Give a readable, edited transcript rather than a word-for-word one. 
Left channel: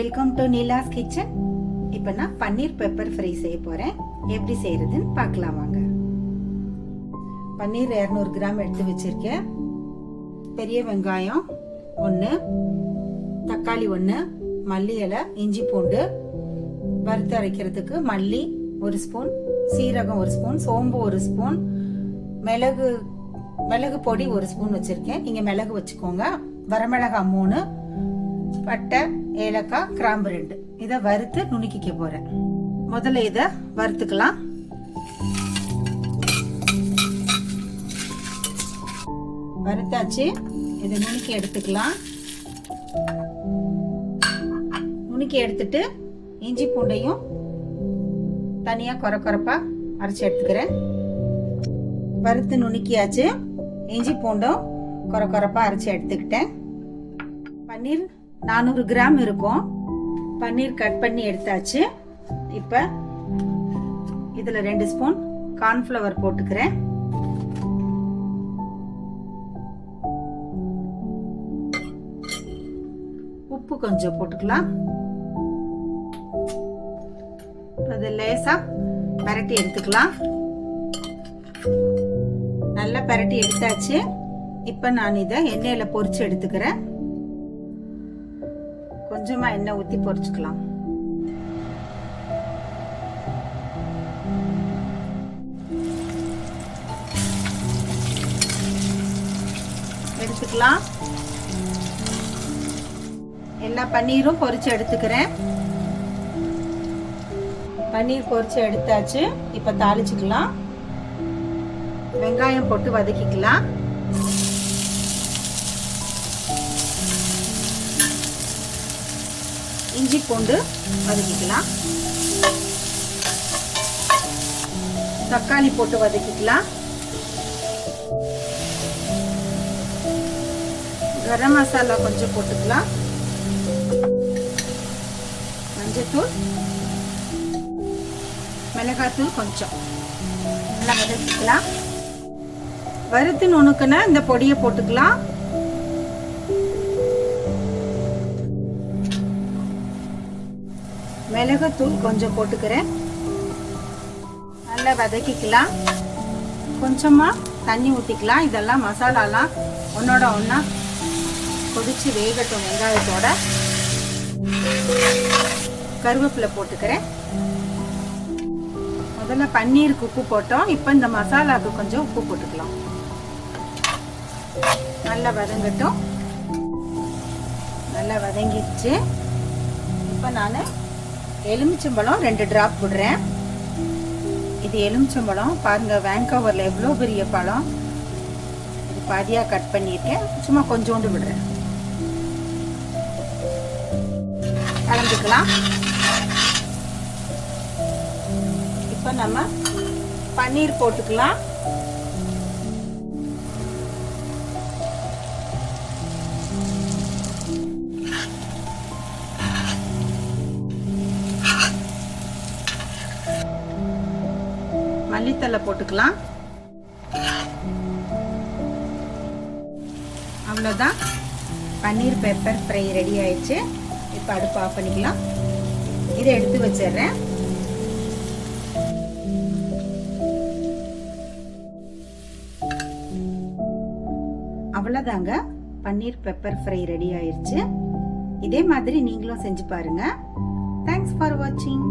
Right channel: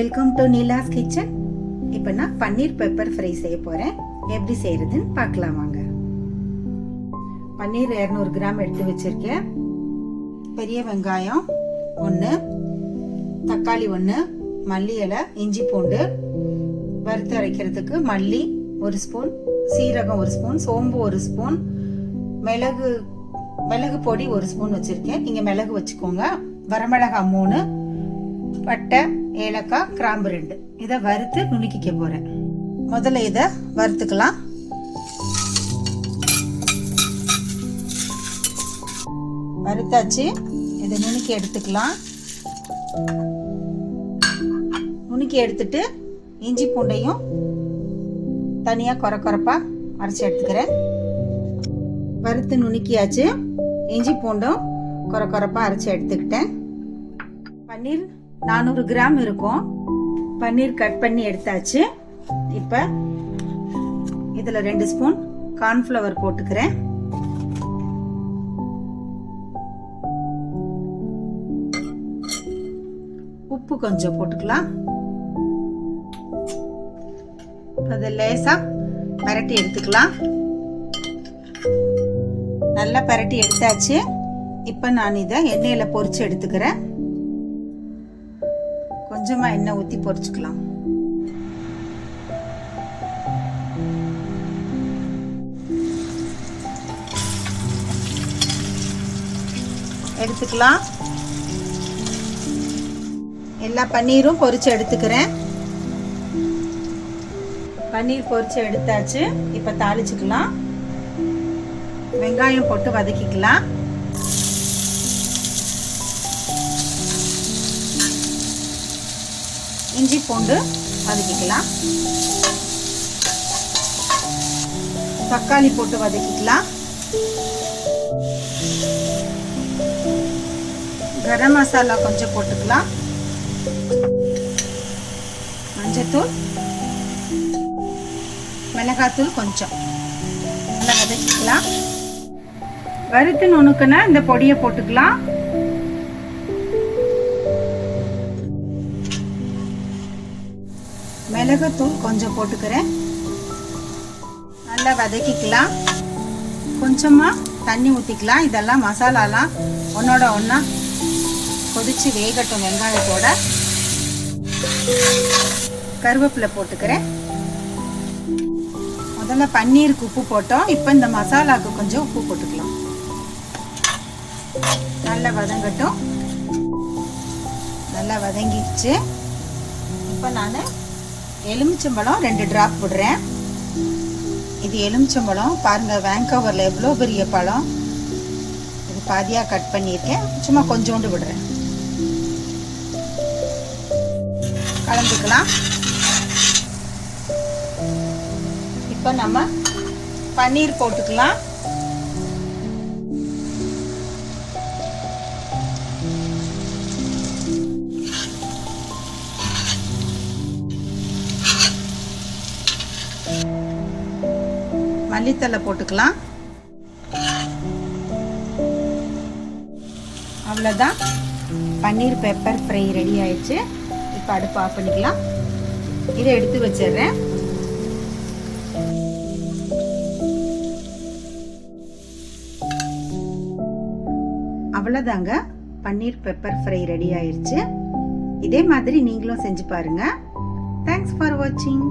Welcome to Neela's kitchen. இப்போ நான் பன்னீர் pepper fry செய்ய போகிறேன். எப்படி செய்கிறதுன்னு பார்க்கலாம் வாங்க. பன்னீர் 200 கிராம் எடுத்து வச்சுருக்கேன். பெரிய வெங்காயம் 1, தக்காளி 1, மல்லி இலை, இஞ்சி பூண்டு, வறுத்து அரைக்கிறதுக்கு மல்லி 1 ஸ்பூன், சீரகம் 1 ஸ்பூன், சோம்பு 1 ஸ்பூன், மிளகு பொடி 1 ஸ்பூன் வச்சுருக்கேன். நீங்கள் மிளகு வச்சுக்கோங்க. வரமிளகாய் 3, பட்டை, ஏலக்காய், கிராம்பு 2. இதை வறுத்து நுணுக்கிக்க போறேன். முதல்ல இதை வறுத்துக்கலாம். வறுத்தாச்சு. இதை நுணுக்கி எடுத்துக்கலாம். நுணுக்கி எடுத்துட்டு இஞ்சி பூண்டையும் தனியா கொரப்பா அரைச்சி எடுத்துக்கிறேன். வறுத்து நுணுக்கியாச்சு. இஞ்சி பூண்டும் கொரப்பா அரைச்சி எடுத்துக்கிட்டேன். பன்னீர் 400 கிராம் இருக்கும். பன்னீர் கட் பண்ணி எடுத்தாச்சு. இப்ப இதுல 2 ஸ்பூன் கார்ன்ஃப்ளவர் போட்டுக்கிறேன். உப்பு கொஞ்சம் போட்டுக்கலாம். அது லேசா பரட்டி எடுத்துக்கலாம். நல்லா பரட்டி எடுத்தாச்சு. இப்ப நான் இதை எண்ணெயில பொரிச்சு எடுத்துக்கிறேன். கொஞ்சமா எண்ணெய் ஊத்தி பொரிச்சுக்கலாம். எடுத்துக்கலாம். எல்லா பன்னீரும் பொரிச்சு எடுத்துக்கிறேன். பன்னீர் பொரிச்சு எடுத்தாச்சு. இப்ப தாளிச்சுக்கலாம். வெங்காயம் போட்டு வதக்கிக்கலாம். இஞ்சி பூண்டு வதக்கிக்கலாம். தக்காளி போட்டு வதக்கிக்கலாம். கரம் மசாலா கொஞ்சம் போட்டுக்கலாம். மஞ்சத்தூள், மிளகாத்தூள் கொஞ்சம் நல்லா வதக்கிக்கலாம். வறுத்து நுணுக்குனா இந்த பொடியை போட்டுக்கலாம். மிளகுத்தூள் கொஞ்சம் போட்டுக்கிறேன். நல்லா வதக்கிக்கலாம். கொஞ்சமா தண்ணி ஊற்றிக்கலாம். இதெல்லாம் மசாலாலாம் ஒன்னோட ஒன்றா கொதிச்சு வேகட்டும். வெங்காயத்தோட கருவேப்பிலை போட்டுக்கிறேன். முதல்ல பன்னீருக்கு உப்பு போட்டோம். இப்போ இந்த மசாலாவுக்கு கொஞ்சம் உப்பு போட்டுக்கலாம். நல்லா வதங்கட்டும். நல்லா வதங்கிடுச்சு. இப்போ நான் எலுமிச்சம்பழம் 2 டிராப் போடுறேன். இது எலுமிச்சம்பழம் பாருங்க, வேங்கோவரில் எவ்வளோ பெரிய பழம். இது பாதியாக கட் பண்ணியிருக்கேன். சும்மா கொஞ்சோண்டு விடுறேன். கலந்துக்கலாம். இப்போ நம்ம பன்னீர் போட்டுக்கலாம். மல்லித்தலை போட்டுக்கலாம். அவ்வளோதான், பன்னீர் பெப்பர் ஃப்ரை ரெடி ஆயிடுச்சு. இப்போ அடுப்பு ஆஃப் பண்ணிக்கலாம். இதை எடுத்து வச்சிடுறேன். அவ்வளோதாங்க, பன்னீர் பெப்பர் ஃப்ரை ரெடி ஆயிடுச்சு. இதே மாதிரி நீங்களும் செஞ்சு பாருங்க. தேங்க்ஸ் ஃபார் வாட்சிங்.